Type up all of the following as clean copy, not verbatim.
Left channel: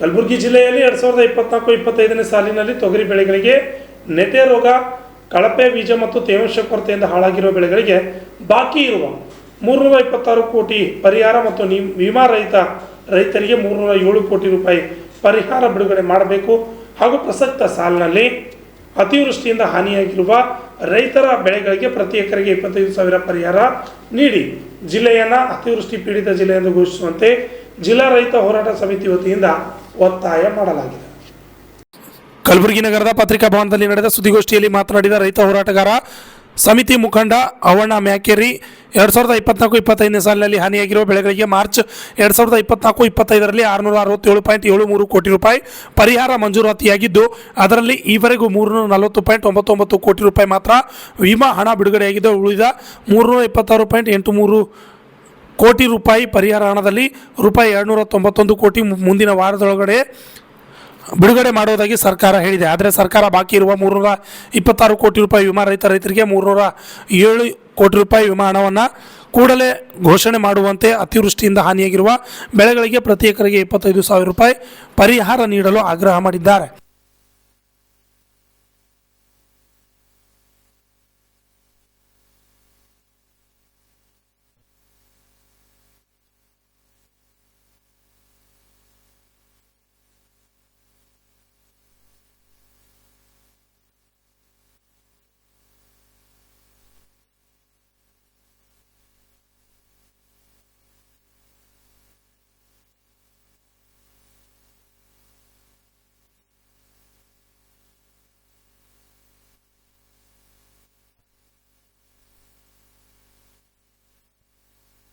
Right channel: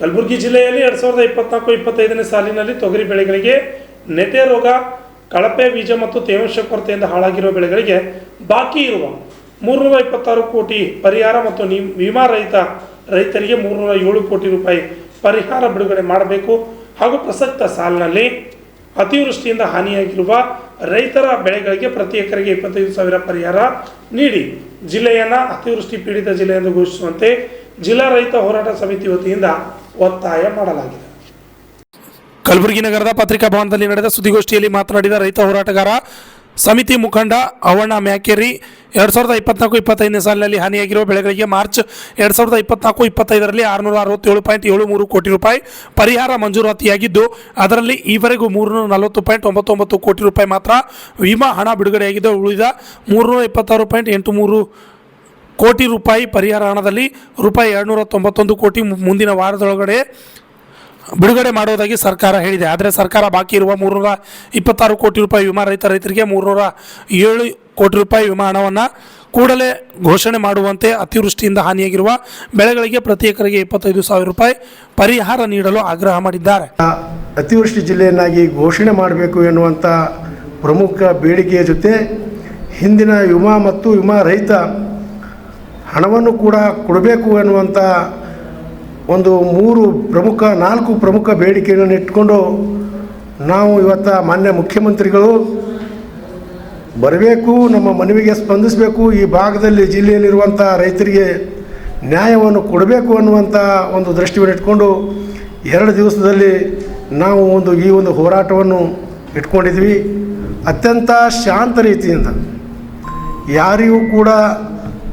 ಕಲಬುರಗಿ ಜಿಲ್ಲೆಯಲ್ಲಿ 2024-25ನೇ ಸಾಲಿನಲ್ಲಿ ತೊಗರಿ ಬೆಳೆಗಳಿಗೆ ನೆತೆ ರೋಗ, ಕಳಪೆ ಬೀಜ ಮತ್ತು ತೇವಾಂಶ ಕೊರತೆಯಿಂದ ಹಾಳಾಗಿರುವ ಬೆಳೆಗಳಿಗೆ ಬಾಕಿ ಇರುವ 326 ಕೋಟಿ ಪರಿಹಾರ ಮತ್ತು ವಿಮಾ ರೈತರಿಗೆ 307 ಕೋಟಿ ರೂಪಾಯಿ ಪರಿಹಾರ ಬಿಡುಗಡೆ ಮಾಡಬೇಕು ಹಾಗೂ ಪ್ರಸಕ್ತ ಸಾಲಿನಲ್ಲಿ ಅತಿವೃಷ್ಟಿಯಿಂದ ಹಾನಿಯಾಗಿರುವ ರೈತರ ಬೆಳೆಗಳಿಗೆ ಪ್ರತಿ ಎಕರೆಗೆ 25,000 ಪರಿಹಾರ ನೀಡಿ ಜಿಲ್ಲೆಯನ್ನು ಅತಿವೃಷ್ಟಿ ಪೀಡಿತ ಜಿಲ್ಲೆ ಎಂದು ಘೋಷಿಸುವಂತೆ ಜಿಲ್ಲಾ ರೈತ ಹೋರಾಟ ಸಮಿತಿ ವತಿಯಿಂದ ಒತ್ತಾಯ ಮಾಡಲಾಗಿದೆ. ಕಲಬುರಗಿ ನಗರದ ಪತ್ರಿಕಾ ಭವನದಲ್ಲಿ ನಡೆದ ಸುದ್ದಿಗೋಷ್ಠಿಯಲ್ಲಿ ಮಾತನಾಡಿದ ರೈತ ಹೋರಾಟಗಾರ ಸಮಿತಿ ಮುಖಂಡ ಅವಣ್ಣ ಮ್ಯಾಕೇರಿ 2024-25ನೇ ಸಾಲಿನಲ್ಲಿ ಹಾನಿಯಾಗಿರುವ ಬೆಳೆಗಳಿಗೆ ಮಾರ್ಚ್ 2024-25ರಲ್ಲಿ 667.73 ಕೋಟಿ ರೂಪಾಯಿ ಪರಿಹಾರ ಮಂಜೂರಾತಿಯಾಗಿದ್ದು, ಅದರಲ್ಲಿ ಈವರೆಗೂ 340.99 ಕೋಟಿ ರೂಪಾಯಿ ಮಾತ್ರ ವಿಮಾ ಹಣ ಬಿಡುಗಡೆಯಾಗಿದ್ದು, ಉಳಿದ 326.83 ಕೋಟಿ ರೂಪಾಯಿ ಪರಿಹಾರ ಹಣದಲ್ಲಿ ರೂಪಾಯಿ 291 ಕೋಟಿ ಮುಂದಿನ ವಾರದೊಳಗಡೆ ಬಿಡುಗಡೆ ಮಾಡುವುದಾಗಿ ಸರ್ಕಾರ ಹೇಳಿದೆ. ಆದರೆ ಸರ್ಕಾರ ಬಾಕಿ ಇರುವ 326 ಕೋಟಿ ರೂಪಾಯಿ ವಿಮಾ ರೈತರಿಗೆ 307 ಕೋಟಿ ರೂಪಾಯಿ ವಿಮಾ ಹಣವನ್ನು ಕೂಡಲೇ ಘೋಷಣೆ ಮಾಡುವಂತೆ ಅತಿವೃಷ್ಟಿಯಿಂದ ಹಾನಿಯಾಗಿರುವ ಬೆಳೆಗಳಿಗೆ ಪ್ರತಿ ಎಕರೆಗೆ 25,000 ರೂಪಾಯಿ ಪರಿಹಾರ ನೀಡಲು ಆಗ್ರಹ ಮಾಡಿದ್ದಾರೆ. ಅತಿವೃಷ್ಟಿ ಜಿಲ್ಲೆಯನ್ನಾಗಿ ಘೋಷಣೆ ಮಾಡಬೇಕು ಎನ್ನುವಂಥ ಪ್ರಮುಖ ಬೇಡಿಕೆಯ ಜೊತೆ ಹಿಂದಿನ ವಿಮಾ ಮತ್ತು ವಿಮಾ ರಹಿತ ಹಣವನ್ನು ಕೂಡ ಕೊಡಬೇಕು ಎನ್ನುವಂಥ ಒಂದು 4 ಪ್ರಮುಖ ಬೇಡಿಕೆಯನ್ನು ಇಟ್ಕೊಂಡು ನಾವು ಇವತ್ತು ಮಾನ್ಯ ಮುಖ್ಯಮಂತ್ರಿಗಳು ಬರಬೇಕು, ನಮ್ಮ ಮನವಿಗೆ ಸ್ಪಂದಿಸಬೇಕು, ಈ ಭಾಗದಲ್ಲಿ ಜಿಲ್ಲೆಯಲ್ಲಿರುವಂಥ ರೈತರಿಗೆ ನ್ಯಾಯವನ್ನು ಕೊಡಬೇಕು ಅನ್ನುವಂಥ ಒಂದು ದೃಷ್ಟಿಯನ್ನು ಇಟ್ಕೊಂಡು 2 ದಿವಸದಲ್ಲಿ ನಾವು ಈ ಒಂದು ಹೋರಾಟವನ್ನು ಇಟ್ಕೊಂಡಿದ್ವಿ. ಅತ್ಯಂತ ಶಾಂತ ರೀತಿಯಿಂದ ಯಾರಿಗೂ ಕೂಡ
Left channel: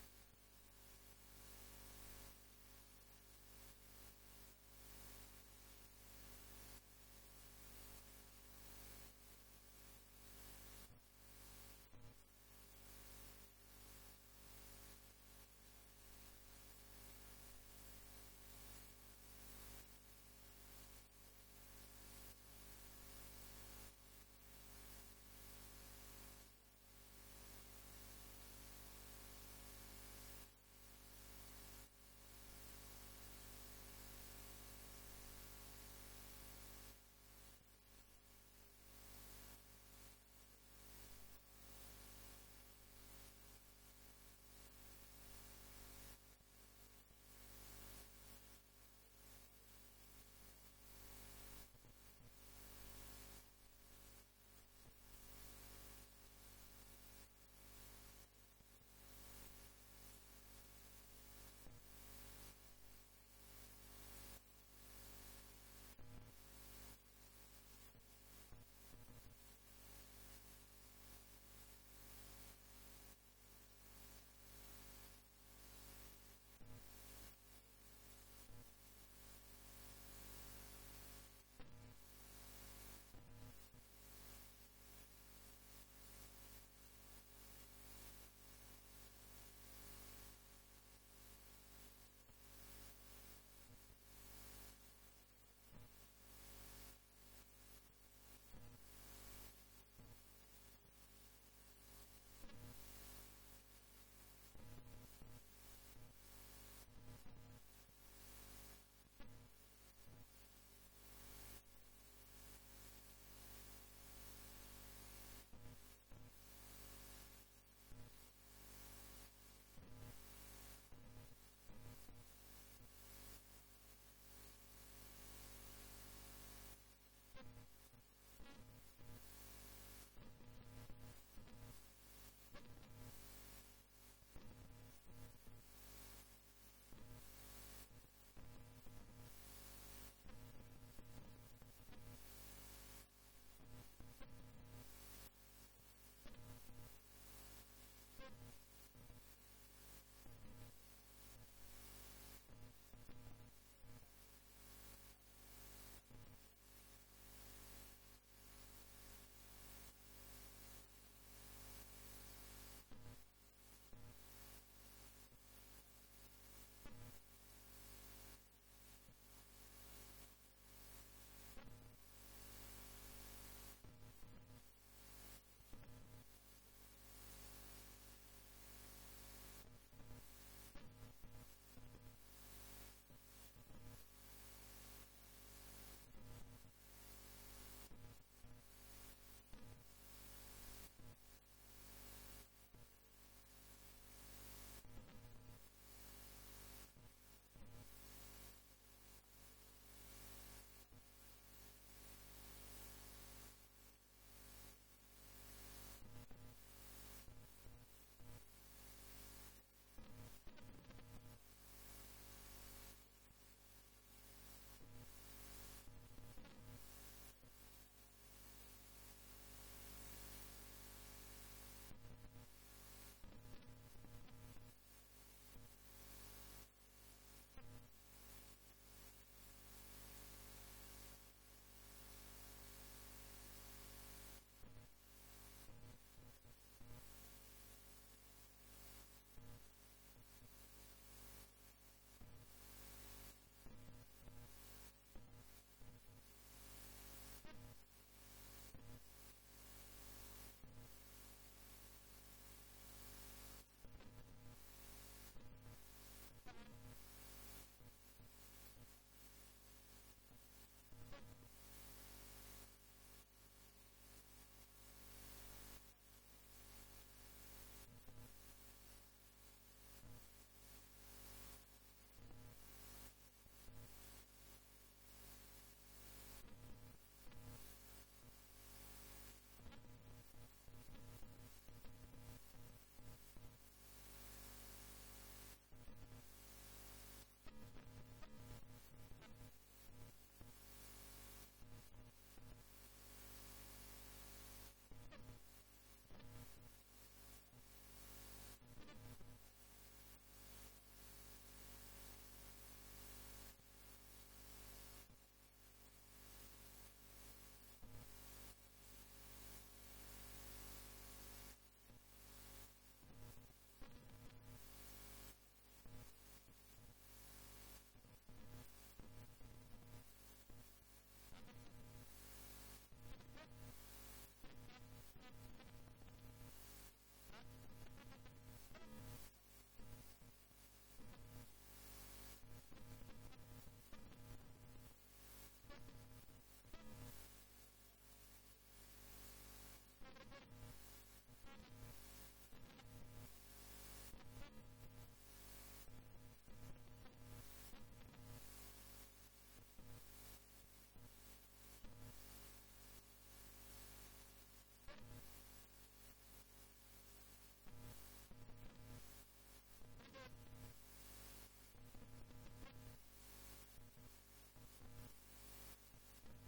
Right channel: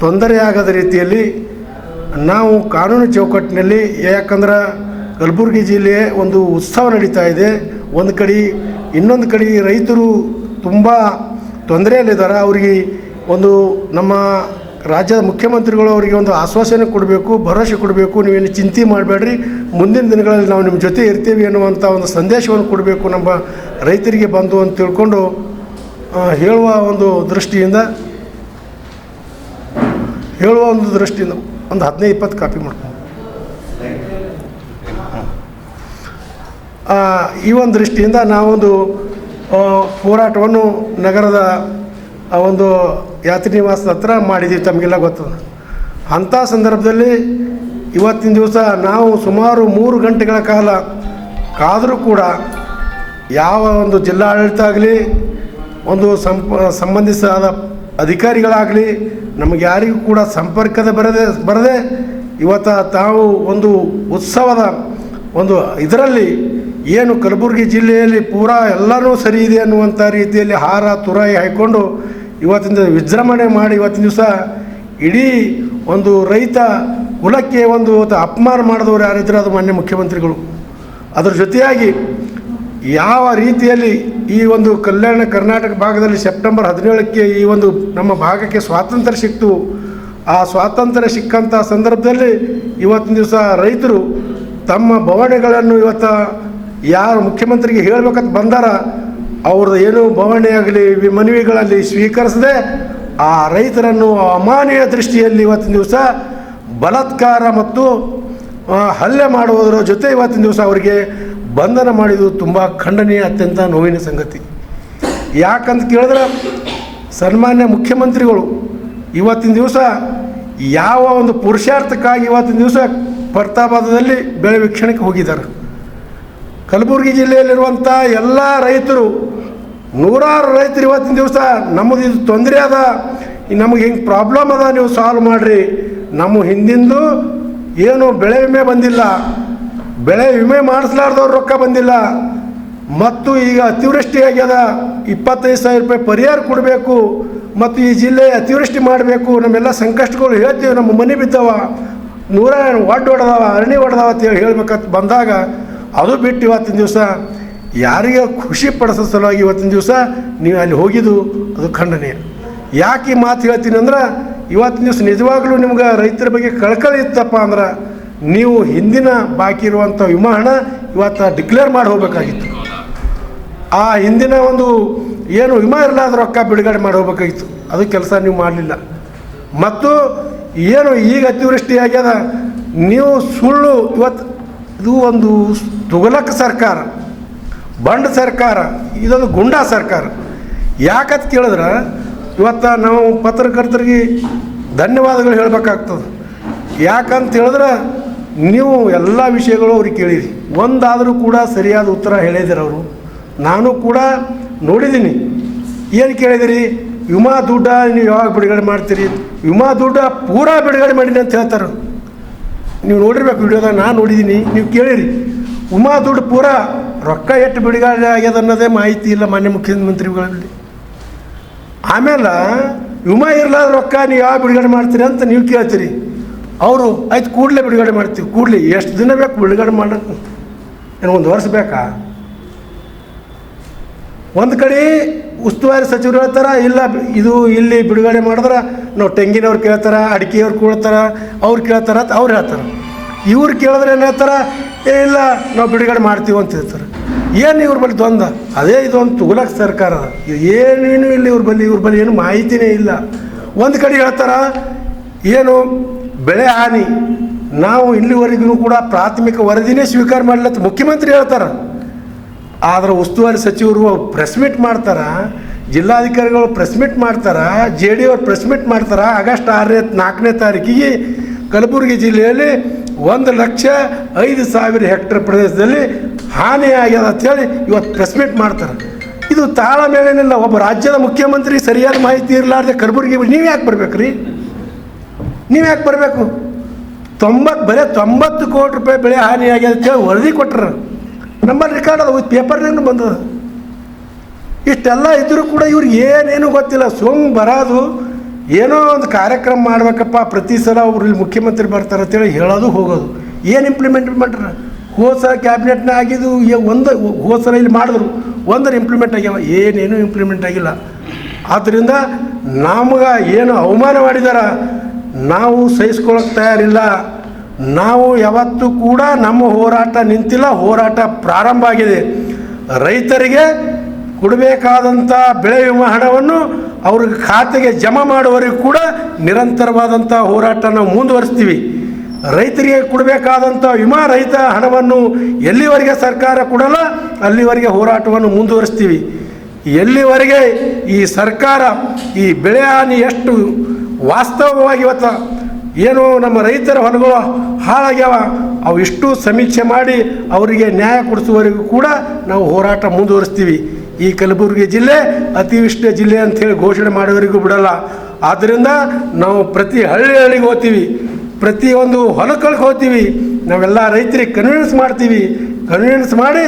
ತೊಂದರೆಯಾಗದ ರೀತಿಯಲ್ಲಿ ನಾವು ಕಾನೂನು ಚೌಕಟ್ಟಿನಲ್ಲಿ, ಯಾಕಂದ್ರೆ ಕಲಬುರಗಿ ಜಿಲ್ಲೆ ಒಂದು ಉತ್ಸವ ನಡೀತಾ ಇದೆ. ಇನ್ನೊಂದು ಕಡೆ ರೈತರು ತುಂಬ ತೊಂದರೆಯಲ್ಲಿದ್ದಾರೆ. ಅವರಿಗೆ ನಮ್ಮ ರಾಜ್ಯದ ಮುಖ್ಯಮಂತ್ರಿಗಳು ಅವರಿಗೆ ಒಂದು ಆಶ್ವಾಸನೆ ಕೊಡಬೇಕು, ಭರವಸೆ ಕೊಡಬೇಕು, ನೀವೇನು ಚಿಂತೆ ಮಾಡಬೇಡ್ರಿ, ಮುಂದಿನ ದಿನಗಳಲ್ಲಿ ನಾವು ನಿಮ್ಮ ಜೊತೆ ಇರ್ತೀವಿ ಅನ್ನುವಂಥ ಒಂದು ಸಂದೇಶವನ್ನು ಕೊಡಬೇಕು ನಮ್ಮ ರೈತರಿಗೆ ಬಂದು ಅಂತ ತಿಳ್ಕೊಂಡು ಹೇಳುವ ಒಂದು ದೃಷ್ಟಿಯಿಂದ ಒಂದು 15-20 ಕಾಪಿ ಮಾಡ್ಕೊಂಡು ಈ ಒಂದು ದೃಷ್ಟಿಯಿಂದ ನಾವೊಂದು ಹೋರಾಟವನ್ನು ನಗರದ ಒಂದು ಯಾತ್ರಿ ನಿವಾಸದ ಹತ್ರ ಮಾಡಿದ್ದೀವಿ. ತಮಗೆಲ್ಲ ಗೊತ್ತದ. ಅಂಥ ಸಂದರ್ಭದಲ್ಲಿ ಇವತ್ತಿನ ದಿವಸ ನಾವು ಸುಮಾರು 3 ಗಂಟೆಗಳ ಕಾಲ ಕಾದರೂ ಕೂಡ ಯಾವ ಒಂದು ಜಿಲ್ಲಾಡಳಿತ ಆಗಲಿ, ಒಂದು ಸಂಬಂಧಿಸಿದ ಅಧಿಕಾರಿಗಳಾಗಲಿ ನಮಗೆ ಯಾರಿಗೂ ಕೂಡ ಸಂಪರ್ಕದ ಬರದೆ ಇವತ್ತು ತಾವು ಒಂದು ಉತ್ಸವದ ಇದರಲ್ಲಿ ಏನು ಕಲಬುರಗಿ ಜಿಲ್ಲೆಯಲ್ಲಿ ಪೂರಾ ಎಲ್ಲನೂ ಸರಿ ಇದೆ ಅನ್ನುವಂಥ ರೀತಿಯಲ್ಲಿ ಹಾರ ತುರಾಯಿ ಹಾಕ್ಕೊಂಡು ಇವತ್ತಿನ ವಿಜೃಂಭಣೆ ಮಾಡಿ ಇವತ್ತಿನ ದಿವಸ ಇಡೀ ಒಂದು ರೈತ ಕುಲಕ್ಕೆ ಅಪಮಾನ ಮಾಡಿದವರು ಯಾರಿದ್ರೆ ಅದು ಮಾನ್ಯ ಮುಖ್ಯಮಂತ್ರಿಗಳು. ಅದರ ಜೊತೆಯಾಗಿ ಯಾವ ರೀತಿಯಲ್ಲಿ ಈ ಒಂದು ಕಲ್ಯಾಣ ಕರ್ನಾಟಕ ಭಾಗದಲ್ಲಿ ಸೆಪ್ಟೆಂಬರ್ 17ಕ್ಕೆ ಈ ನಮ್ಮ ಭಾಗಕ್ಕೆ ಸ್ವಾತಂತ್ರ್ಯ ಸಿಕ್ತು. ಆ ಸ್ವಾತಂತ್ರ್ಯ ಸಿಕ್ಕಂಥ ಸಂದರ್ಭದಲ್ಲಿ ಇವತ್ತಿನ ದಿವಸ ರೈತರು ತಮ್ಮ ಬವಣೆಗಳನ್ನು ಯಾರು ಮುಖ್ಯಮಂತ್ರಿಗೆ ಹೇಳಬೇಕಂತ ಬಂದಾರ ಅವ್ರದ್ದು ಏನು ಬವಣೆ ಆಗಲಿ ಮನವಿಗಳಲ್ಲಿ ಸ್ವೀಕರಿಸದೆ ಆ ರೈತರನ್ನು ಅಮಾನವೀಯ ದೃಷ್ಟಿಯಲ್ಲಿ ಇವತ್ತಿನ ದಿವಸ ಬಲಾತ್ಕಾರ ಮತ್ತು ಹಲ್ಲೆ ಮಾಡುವುದರ ಜೊತೆ ಇವತ್ತಿನ ದಿವಸ ಅವರಿಗೆ ಬಂಧನ ಮಾಡಿದ್ದು ತುಂಬ ಖಂಡನೀಯ, ಅತ್ಯಂತ ನೋವಿನ ಸಂಗತಿ. ಯಾಕಂತ ಕೇಳಿದ್ರೆ ಸನ್ಮಾನ್ಯ ಮುಖ್ಯಮಂತ್ರಿಗಳು ಇವತ್ತಿನ ದಿವಸ ಯಾವ ಒಂದು ಪುರುಷಾರ್ಥಕ್ಕಾಗಿ ಇವತ್ತಿನ ದಿವಸ ಪ್ರತಾಪದಲ್ಲಿ ಬೆಳೆ ವೀಕ್ಷಣೆಗೆ ಹೋಗಿದ್ದಾರೆ. ಕಲಬುರಗಿ ಜಿಲ್ಲೆಯಲ್ಲಿರುವಂಥ ಎಲ್ಲ ರೈತರು, ನೂರಾರು ರೈತರು ಇವತ್ತಿನ ದಿವಸ ನಮ್ಮದು ಇದು ತೊಂದರೆ ಅದ, ನಮಗೆ ಹಿಂಗೆ ಪ್ರಾಬ್ಲಮ್ ಅದ, ನೀವು ಸಾಲ್ವ್ ಮಾಡಿರಿ, ನಮ್ಮ ಹಿಂದಿಂದು ಏನು ಬೆಳೆ ವಿಮೆ ಬಂದಿಲ್ಲ, ಬೆಳೆ ವಿಮೆ ಮಾಡಿಸ್ಲಾರ್ದವ್ರು ರೊಕ್ಕ ಬಂದಿಲ್ಲ, ಮತ್ತು ಈಗ ಅತಿವೃಷ್ಟಿ ಆಗ್ಯದ, 25,000 ರೂಪಾಯಿ ಪರಿಹಾರ ಕೊಡಬೇಕು, ಮತ್ತು ಈ ಜಿಲ್ಲೆ ಅತಿವೃಷ್ಟಿ ಮಾಡಬೇಕು, ನಮ್ಮೆಲ್ಲ ಸಂಕಷ್ಟಗಳು ಹೇಳ್ತೀವಿ, ನಮ್ಮ ಮನೆ ಬಿದ್ದವ, 100 ಹೊಡೆದವ, ಅರಣಿ ಹೊಡೆದವ ಅಂತ ಹೇಳ್ಬೇಕಂತ ಬಂದಾಗ ಅದು ಬಿಟ್ಟು ಇವತ್ತಿನ ದಿವಸ ಯಾರಿಗೆ ಖುಷಿ ಪಡಿಸೋ ಸಲುವಾಗಿ ಇವತ್ತಿನ ದಿವಸ ನೀವು ಅಲ್ಲಿ ಹೋಗಿದ್ದು ಅದು ಖಂಡನೀಯ. ಯಾಕೆ ಈ ಮಾತು ಹೇಳ್ತೀನಿ ಅಂದ್ರೆ ಇವತ್ತಿನ ದಿವಸ ನಿಜವಾಗ್ಲೂ ನಿಮ್ಗೆ ರೈತರ ಬಗ್ಗೆ ಕಳಕಳಿ ಇತ್ತಪ್ಪ ಅಂದ್ರೆ ನೀವು ಹಿಂದಿನ ಬಾಕಿ ಇರುವಂಥ ವಿಮಾ ಹಣ ಇವತ್ತು ಡಿಕ್ಲೇರ್ ಮಾಡಿ ಹೋಗಬೇಕಾಗಿತ್ತು. ಆ ಹಿಂದಿನ ಏನು ವಿಮಾ ಇರಲಾದ ರೊಕ್ಕ ಬಿಡುಗಡೆ ಮಾಡಿ ಹೋಗಬೇಕಾಗಿತ್ತು, ಅದು ಕೆಲಸ ನೀವು ಮಾಡಲಿಲ್ಲ. ಮತ್ತು ಏನು ಈಗ ಅತಿವೃಷ್ಟಿ ಆಗ್ಯದ, ನೀವು ಸುಳ್ಳು ಇವತ್ತು ಇದು ಒಂದು ತುಘಲಕ್ ಸರ್ಕಾರ, ಬಂಡ್ ಸರ್ಕಾರ, ಇದೊಂದು ಗುಂಡಾ ಸರ್ಕಾರ. ಯಾಕಂತ ಕೇಳಿದ್ರೆ ಇವತ್ತು ನಾವು ಪತ್ರಕರ್ತರಿಗೆ ಧನ್ಯವಾದಗಳು ಹೇಳಬೇಕಾಗ್ತದೆ. ಯಾಕಂತ ಹೇಳಿದ್ರೆ ನೀವು ಎಲ್ಲ ವಿಷಯಗಳು ಅವ್ರಿಗೆ ಕೇಳಿರಿ, ಒಂದಾದರೂ ಕೂಡ ಸರಿಯಾದ ಉತ್ತರ ಹೇಳಿದಿರ ಅವರು. ನಾನು ಕೂಡ ನೋಡಿದ್ದೀನಿ. ಏನು ಕೇಳಿದಿರಿ? ವಿಮಾ ದುಡ್ಡ ನೀವು ಯಾವಾಗ ಬಿಡುಗಡೆ ಮಾಡ್ತೀರಿ? ವಿಮಾ ದುಡ್ಡ ಪೂರಾ ಬಿಡುಗಡೆ ಮಾಡೀನಿ ಅಂತ ಹೇಳ್ತಾರೆ. ನೀವು ನೋಡಿರ್ಬೇಕು ವಿಡಿಯೋದಾಗ, ನಾನು ನೋಡಿದ್ದೀನಿ, ನೀವು ಕೇಳಿರಿ. ವಿಮಾ ದುಡ್ಡು ಪೂರಾ ರೊಕ್ಕ ಎಷ್ಟು ಬಿಡುಗಡೆ ಆಗ್ಯದ ಅನ್ನೋದೇ ಮಾಹಿತಿ ಇಲ್ಲ ಮಾನ್ಯ ಮುಖ್ಯಮಂತ್ರಿಗಳಲ್ಲಿ. ಆಮೇಲೆ ವಿಮಾ ಇರಲಾದ ರೊಕ್ಕ ನೀವು ಯಾವ ಬಿಡುಗಡೆ ಮಾಡ್ತೀರಿ ಅಂತ ನೀವು ಕೇಳ್ತೀರಿ. ಅವರು ಆಯ್ತು ಕೂಡಲೇ ಬಿಡುಗಡೆ ಮಾಡ್ತೀವಿ. ಕೂಡಲೇ ಎಷ್ಟು ದಿನ ಬೇಕು ಬಿಡುಗಡೆ ಮಾಡೋಕ್ಕೆ? ಏನು ಒಂದು ವರ್ಷ ಬೇಕಾ? ಒಂದು ಕಡೆ ಉಸ್ತುವಾರಿ ಸಚಿವರು ಹೇಳ್ತಾರೆ, ಇಲ್ಲ ಇದು ಇಲ್ಲಿ ಬಿಡುಗಡೆ ಮಾಡಿದ್ರೆ ನಾವು ತೆಂಗಿನವ್ರು ಕೇಳ್ತಾರೆ, ಅಡಿಕೆಯವ್ರು ಕೇಳ್ತಾರೆ, ಅವ್ರು ಕೇಳ್ತಾರೆ ಅಂತ ಅವ್ರು ಹೇಳ್ತಾರೆ. ಇವ್ರು ಕೇಳಿದ್ರೆ ಏನು ಹೇಳ್ತಾರೆ? ಇಲ್ಲ ನಾವು ಬಿಡುಗಡೆ ಮಾಡ್ತೀವಿ ಅಂತ ಹೇಳ್ತಾರೆ. ಏನು ಇವ್ರ ಬಳಿ ದ್ವಂದ್ವ? ಅದೇ ಇದೊಂದು ತುಘಲಕ್ ಸರ್ಕಾರ. ಏನೇನು ಇಲ್ಲ ಇವ್ರ ಬಳಿ ಏನು ಮಾಹಿತಿನೇ ಇಲ್ಲ. ಒಂದು ಕಡೆ ಹೇಳ್ತಾರೆ ಏನು ಬೆಳೆ ಹಾನಿ, ನಾವು ಇಲ್ಲಿವರೆಗೂ ಕೂಡ ಪ್ರಾಥಮಿಕ ವರದಿನೇ ಸ್ವೀಕಾರ ಮಾಡಲತ್ತ ಮುಖ್ಯಮಂತ್ರಿ ಹೇಳ್ತಾರೆ. ಆದರೆ ಉಸ್ತುವಾರಿ ಸಚಿವರು ಪ್ರೆಸ್ ಮೀಟ್ ಮಾಡ್ತಾರೆ, ಜಿಲ್ಲಾಧಿಕಾರಿಗಳು ಪ್ರೆಸ್ ಮೀಟ್ ಮಾಡ್ತಾರೆ, ಜೆ ಡಿ ಅವ್ರು ಪ್ರೆಸ್ ಮೀಟ್ ಮಾಡ್ತಾರೆ. ಆಗಸ್ಟ್ 4ನೇ ತಾರೀಕಿಗೆ ಕಲಬುರಗಿ ಜಿಲ್ಲೆಯಲ್ಲಿ 1,05,000 ಹೆಕ್ಟೇರ್ ಪ್ರದೇಶದಲ್ಲಿ ಹಾನಿಯಾಗ್ಯದ ಅಂಥೇಳಿ ಇವತ್ತು ಪ್ರೆಸ್ ಮೀಟ್ ಮಾಡ್ತಾರೆ. ಇದು ತಾಳಮೇಳೇನಿಲ್ಲ. ಒಬ್ಬ ರಾಜ್ಯದ ಮುಖ್ಯಮಂತ್ರಿ ಸರಿಯಾದ ಮಾಹಿತಿ ಇರಲಾರ್ದೆ ಕಲಬುರಗಿ ನೀವು ಯಾಕೆ ಬರ್ಬೇಕು ರೀ? ನೀವು ಯಾಕೆ ಬರಬೇಕು? ಬರೀ 90 ಕೋಟಿ ರೂಪಾಯಿ ಬೆಳೆ ಹಾನಿಯಾಗ್ಯದ ಅಂತೇಳಿ ವರದಿ ಕೊಟ್ಟರು. ನಮ್ಮಲ್ಲಿ ರೆಕಾರ್ಡ್ ಅದು ಪೇಪರ್ನಾಗೂ ಬಂದದ. ಇಷ್ಟೆಲ್ಲ ಇದ್ದರೂ ಕೂಡ ಇವ್ರಿಗೆ ಏನೇನು ಗೊತ್ತಿಲ್ಲ. ಬರೋದು ಏನೋ ಒಂದು ಕಾರ್ಯಕ್ರಮ ಮಾಡ್ಬೇಕಪ್ಪ, ಪ್ರತಿ ಸಲ ಅವ್ರು ಇಲ್ಲಿ ಮುಖ್ಯಮಂತ್ರಿ ಬರ್ತಾರೆ ಅಂತೇಳಿ ಹೇಳೋದು ಹೋಗೋದು. ಏನು ಇಂಪ್ಲಿಮೆಂಟ್ ಮಾಡ್ರ? ಹೋದ ಸಲ ಕ್ಯಾಬಿನೆಟ್ನ ಆಗಿದ್ದು ಹೋದ ಸಲ ಇಲ್ಲಿ ಮಾಡಿದ್ರು, ಒಂದರ ಇಂಪ್ಲಿಮೆಂಟ್ ಆಗ್ಯಾವ, ಏನೇನು ಇಂಪ್ಲಿಮೆಂಟ್ ಆಗಿಲ್ಲ. ಆದ್ದರಿಂದ ನಮ್ಗೆ ಏನು ಅವಮಾನ ಮಾಡಿದಾರ ನಾವು ಸಹಿಸ್ಕೊಳ್ಳೋಕೆ ತಯಾರಿಲ್ಲ. ನಾವು ಯಾವತ್ತೂ ಕೂಡ ನಮ್ಮ ಹೋರಾಟ ನಿಂತಿಲ್ಲ, ಹೋರಾಟ ಪ್ರಾರಂಭ ಆಗಿದೆ. ರೈತರಿಗೆ ಕೊಡಬೇಕಾದಂಥ ಬೆಳೆ ವಿಮಾ ಹಣವನ್ನು ಅವ್ರಿಗೆ ಖಾತೆಗೆ ಜಮಾ ಮಾಡುವವರೆಗೂ ಕೂಡ ನಿರಂತರವಾದಂಥ ಹೋರಾಟ ನಾವು ಮುಂದುವರಿಸ್ತೀವಿ. ರೈತರಿಗೆ ಕೊಡಬೇಕಾದಂಥ ವಿಮಾ ರಹಿತ ಹಣವನ್ನು ಎಲ್ಲಿವರೆಗೆ ಸರ್ಕಾರ ಕೊಡಲ್ಲ ಅಲ್ಲಿವರೆಗೆ ಹೋರಾಟವನ್ನು ಮುಂದುವರಿಸ್ತೀವಿ. ಎಲ್ಲಿವರೆಗೆ ಈ ಸರ್ಕಾರ ಈ ಬೆಳೆ ಹಾನಿ ಎಷ್ಟು ವಾಸ್ತವವಾಗಿ ಇವತ್ತು ಏನು ನಮ್ಮ ರೈತರ ಹೊಲಗಳು ಹಾಳಾಗ್ಯಾವ ಅವು ಇಷ್ಟು ಸಮೀಕ್ಷೆ ಮಾಡಿ ಅವರಿಗೆ ನ್ಯಾಯ ಕೊಡಿಸುವವರೆಗೂ ಕೂಡ ನಾವು ಹೋರಾಟ ಮುಂದುವರಿಸ್ತೀವಿ. ಈ ಕಲಬುರಗಿ ಜಿಲ್ಲೆ ಅತಿವೃಷ್ಟಿ ಜಿಲ್ಲೆ ಅಂಥೇಳಿ ಘೋಷಣೆ ಮಾಡೋವರೆಗೂ ಬಿಡಲ್ಲ. ಆದ್ದರಿಂದ ನಾವು ಪ್ರತಿ ಹಳ್ಳಿಗೆ ಹೋಗ್ತೀವಿ, ಪ್ರತಿಯೊಂದು ಹೊಲಗಳಿಗೆ ಹೋಗ್ತೀವಿ, ನಾವೆಲ್ಲ ರೈತರಿಗೆ ಕನ್ವಿನ್ಸ್ ಮಾಡ್ತೀವಿ. ಕನ್ವಿನ್ಸ್ ಮಾಡಿ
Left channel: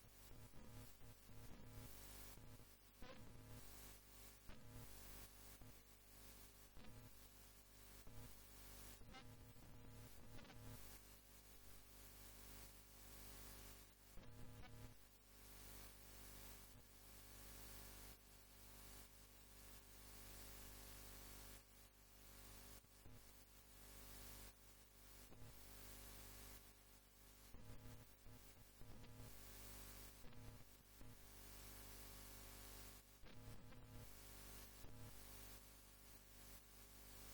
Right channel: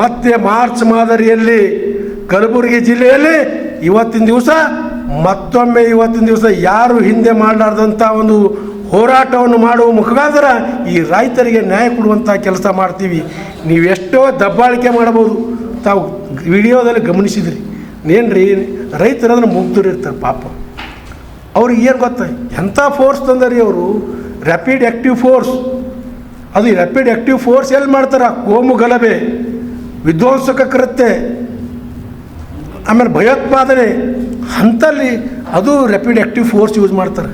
ಮತ್ತೆ ಮಾರ್ಚ್ ಮಾದರಿಯಲ್ಲಿ ಕಲಬುರಗಿ ಜಿಲ್ಲೆಯಲ್ಲಿ ಇವತ್ತಿನ ದಿವಸ ಮತ್ತೊಮ್ಮೆ ಯಾರು ಹಿಂದೆ ಮಾಡಲಾರ್ದಂಥ ಒಂದು ಹೋರಾಟವನ್ನು ಮಾಡುವ ಮುಖಾಂತರ ಈ ರೈತರಿಗೆ ನ್ಯಾಯ ಕೊಡುವಂಥ ಕೆಲಸ ಮಾಡ್ತೀವಿ. ನೀವೆಷ್ಟೋ ದಬ್ಬಾಳಿಕೆ ಮಾಡ್ಬೋದು, ತಾವು ವಿಡಿಯೋದಲ್ಲಿ ಗಮನಿಸಿದ್ರಿ. ಏನ್ರಿ ರೈತರು ಅದನ್ನು ಮುಗ್ಧರು ಇರ್ತಾರೆ ಪಾಪ. ಅವ್ರಿಗೆ ಏನು ಗೊತ್ತ ಎಂಥ ಫೋರ್ಸ್ ತಂದರಿ ಅವರು, ರ್ಯಾಪಿಡ್ ಆ್ಯಕ್ಟಿವ್ ಫೋರ್ಸ್. ಅದು ರ್ಯಾಪಿಡ್ ಆ್ಯಕ್ಟಿವ್ ಫೋರ್ಸ್ ಎಲ್ಲಿ ಮಾಡ್ತಾರೆ? ಕೋಮು ಗಲಭೆ, ವಿಧ್ವಂಸಕ ಕೃತ್ಯ, ಆಮೇಲೆ ಭಯೋತ್ಪಾದನೆ ಅಂಥಲ್ಲಿ ಅದು ರ್ಯಾಪಿಡ್ ಆ್ಯಕ್ಟಿವ್ ಫೋರ್ಸ್ ಯೂಸ್ ಮಾಡ್ತಾರೆ.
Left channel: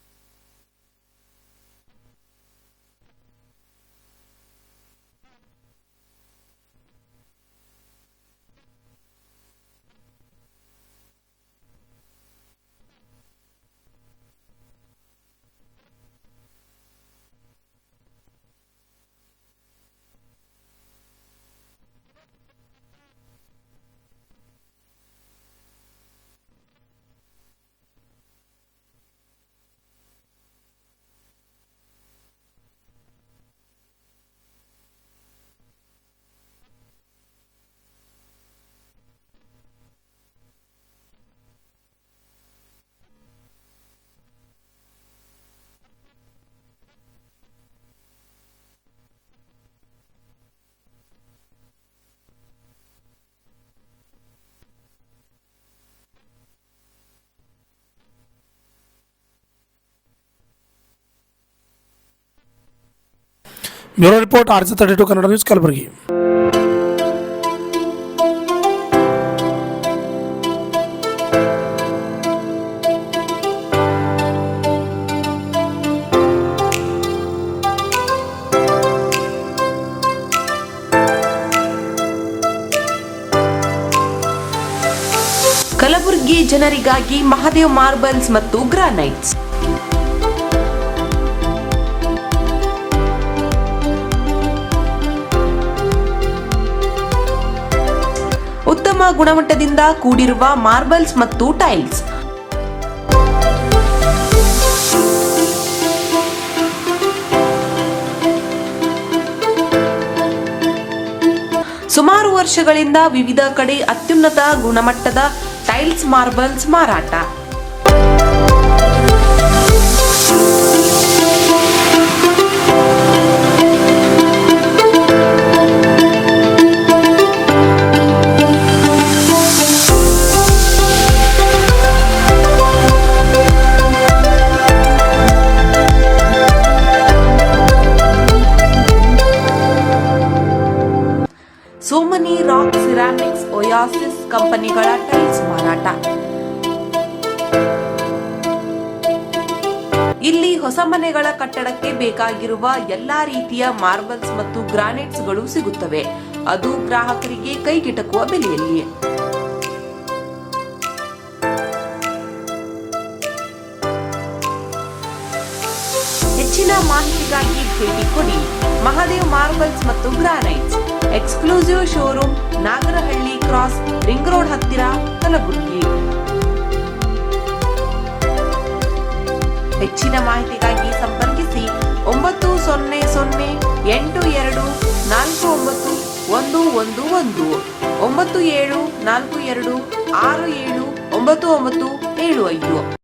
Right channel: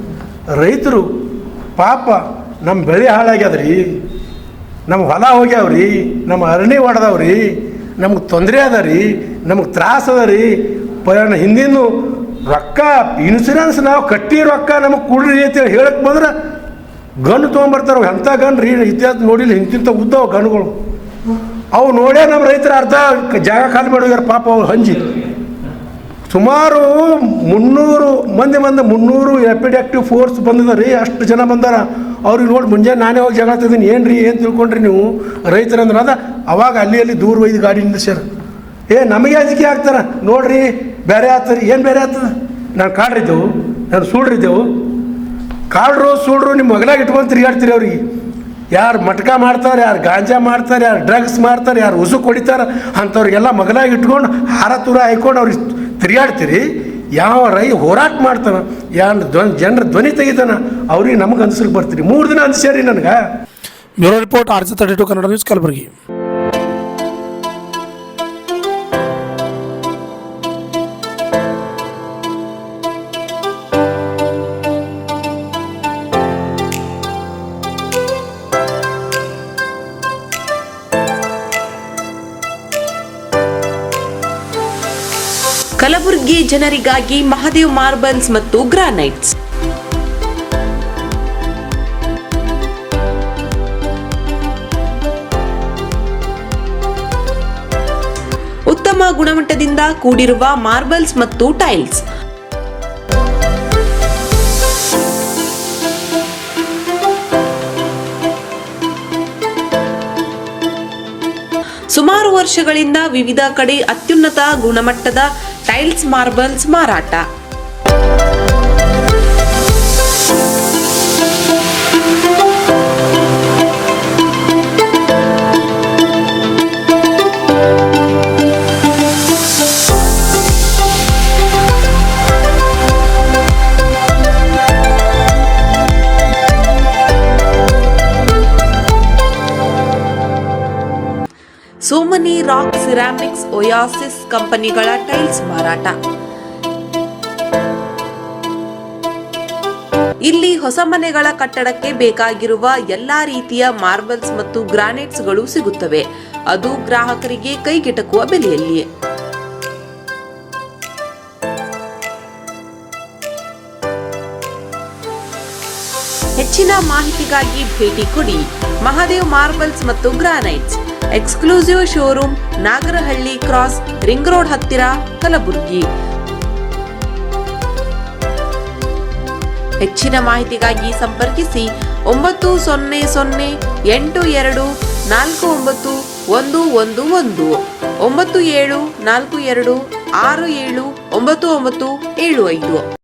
ರೈತರು ಪಾಪ ನಮ್ಮ ಬೆಳೆ ಹಾಳಾಗ್ಯದ್ರಿ, ನಮ್ಮ ಹೊಲ ಹೋಗ್ಯಾವ್ರಿ, ನಮ್ಮ ಅರಣ್ಯ ಹೊಡೆದವ್ರಿ, ನಮ್ಗೆ ತೊಂದರೆ ಅದ ರೀ, ನಮಗೆ ತ್ರಾಸ ಅದ ರೀ, ಹಿಂದಿನ ರೊಕ್ಕ ಇನ್ಸೂರೆನ್ಸ್ ನಾವು ಕಟ್ಟಿ ರೊಕ್ಕ ನಮಗೆ ಕೊಡ್ರಿ ಅಂತೇಳಿ ಹೇಳಕ್ಕೆ ಬಂದ್ರೆ ಗನ್ ತೊಗೊಂಬರ್ತಾರೆ. ಎಂಥ ಗನ್ ರೀ, ಇತಿಹಾಸ ನೋಡಿಲ್ಲ, ಇಂತಿಂಥ ಉದ್ದವ ಗನ್ಗಳು. ಅವು ನೋಡೇ ನಮ್ಮ ರೈತರ ಅರ್ಧ ಜಾಗ ಖಾಲಿ ಮಾಡೋಗ್ಯಾರ ಪಾಪ. ಅವ್ರು ಹಂಜಿ ಸುಮಾರು 300 ರ್ಯಾಪಿಡ್ ಆ್ಯಕ್ಟಿವ್ ಫೋರ್ಸ್ ಬಂದಿದೆ ರೀ. ಅಷ್ಟು ಜನ ಬಂದಾರ. ಅವ್ರಿಗೆ ನೋಡಿ ಮುಂಜಾನೆ ನಾನೇ ಹೋಗಿ ಜಗಳ ತಿದ್ದೀನಿ. ಏನು ರೀ ಏನು ತಿಳ್ಕೊಂಡ್ರಿ ನೀವು ರೈತರಂದ್ರೆ? ಅದ ಅವಾಗ ಅಲ್ಲಿ ದೂರ ಒಯ್ದು ಗಾಡಿ ನಿಲ್ಲಿಸ್ಯಾರ. ನಮಗೆ ಅಂಜಿಕೆ ಆಗ್ತಾರೆ ನೋಡ್ರಿ, ಬೇರೆ ಆಗ್ತದೆ. ಏನು ಬೇರೆ ಆಗ್ತದೆ? ನಾನು ಕಾಡ್ರಿದ್ದೆವು, ನಾನು ಸೂಡ್ರಿದ್ದೆವು. ಕಾಡ್ರು ಸೂಡ್ರು ನಿಮ್ಮ ಮಗಲಾಗಿ ಇಟ್ಕೊಂಡು ತಿರುಗಾಡ್ತೀರಿ. ಅವ್ರಿಗೆ ಯಾರು ಮಟ್ಕ ಮಾಡ್ತಾರೆ, ಯಾರು ಗಾಂಜಾ ಮಾಡ್ತಾರೆ, ಯಾರು ಡ್ರಗ್ಸ್ ಮಾಡ್ತಾರೆ, ಯಾರು ಉಸು ಕೊಡಿತಾರೆ ಅಂಥವ್ರಿಗೆಲ್ಲ ಮಗಲಾಗಿ ಇಟ್ಕೊಂಡು ಹಾರ ತೂರ ಹಾಯ್ಕೊಂಡು ಅವ್ರಿಗೆ ತಿರುಗಾಡ್ತೀರಿ. ಯಾವ ಹೋರಾಟ ಮಾಡ್ತಾನೆ, ಜನರ ಧ್ವನಿ ತೆಗಿತಾನೆ, ಅವ್ರಿಗೆ ನಮಗೆ ಅನ್ಸಕ್ಕೆ ಬರ್ತೀರಿ. 3 ದಿನ ಅನ್ಸ್ಯಾರಿ ನನಗೆ. Bureau report RJ32 Kannada news, Kalaburagi. Kalaburagi ಜನರಿಗಾಗಿ ಮಹಾದೇವ್ ಮಾರ್ಬಲ್ಸ್ ಮತ್ತು ಗ್ರಾನೈಟ್ಸ್. ಉತ್ತಮ ಗುಣಮಟ್ಟದಿಂದ ಕೂಡಿರುವ ಮಾರ್ಬಲ್ಸ್ ಮತ್ತು ಟೈಲ್ಸ್. ಸುಮಾರು ವರ್ಷಗಳಿಂದ ವಿವಿಧ ಕಡೆ ಅತ್ಯುನ್ನತ ಗುಣಮಟ್ಟದ ಟೈಲ್ಸ್ ಮಾರ್ಬಲ್ಸ್ ಮಾರಾಟ. ಸೋಮನಿ ರಾಕ್ ಸಿರಾಮಿಕ್ಸ್ ಒಯಾಸಿಸ್ ಕಂಪನಿಗಳ ಟೈಲ್ಸ್ ಮಾರಾಟ. ಇಲ್ಲಿ ಹೊಸ ಮನೆಗಳ ಕಟ್ಟಡಕ್ಕೆ ಬೇಕಾಗಿರುವ ಎಲ್ಲಾ ರೀತಿಯ ಮಾರ್ಬಲ್ಸ್ ಮತ್ತು ಗ್ರಾನೈಟ್ಸ್ ಗಳು ಸಿಗುತ್ತವೆ, ಅದು ಗ್ರಾಹಕರಿಗೆ ಕೈಗೆಟಕುವ ಬೆಲೆಯಲ್ಲಿ. ಹೆಚ್ಚಿನ ಮಾಹಿತಿಗಾಗಿ ಭೇಟಿ ಕೊಡಿ. ಮಹಾದೇವ್ ಮಾರ್ಬಲ್ಸ್ ಮತ್ತು granites, exclusive showroom, Nagarahalli cross, ring road ಹತ್ತಿರ, ಕಲಬುರಗಿ. ಹೆಚ್ಚಿನ ಮಾಹಿತಿಗಾಗಿ ಸಂಪರ್ಕಿಸಿ 9008249111 9742679975.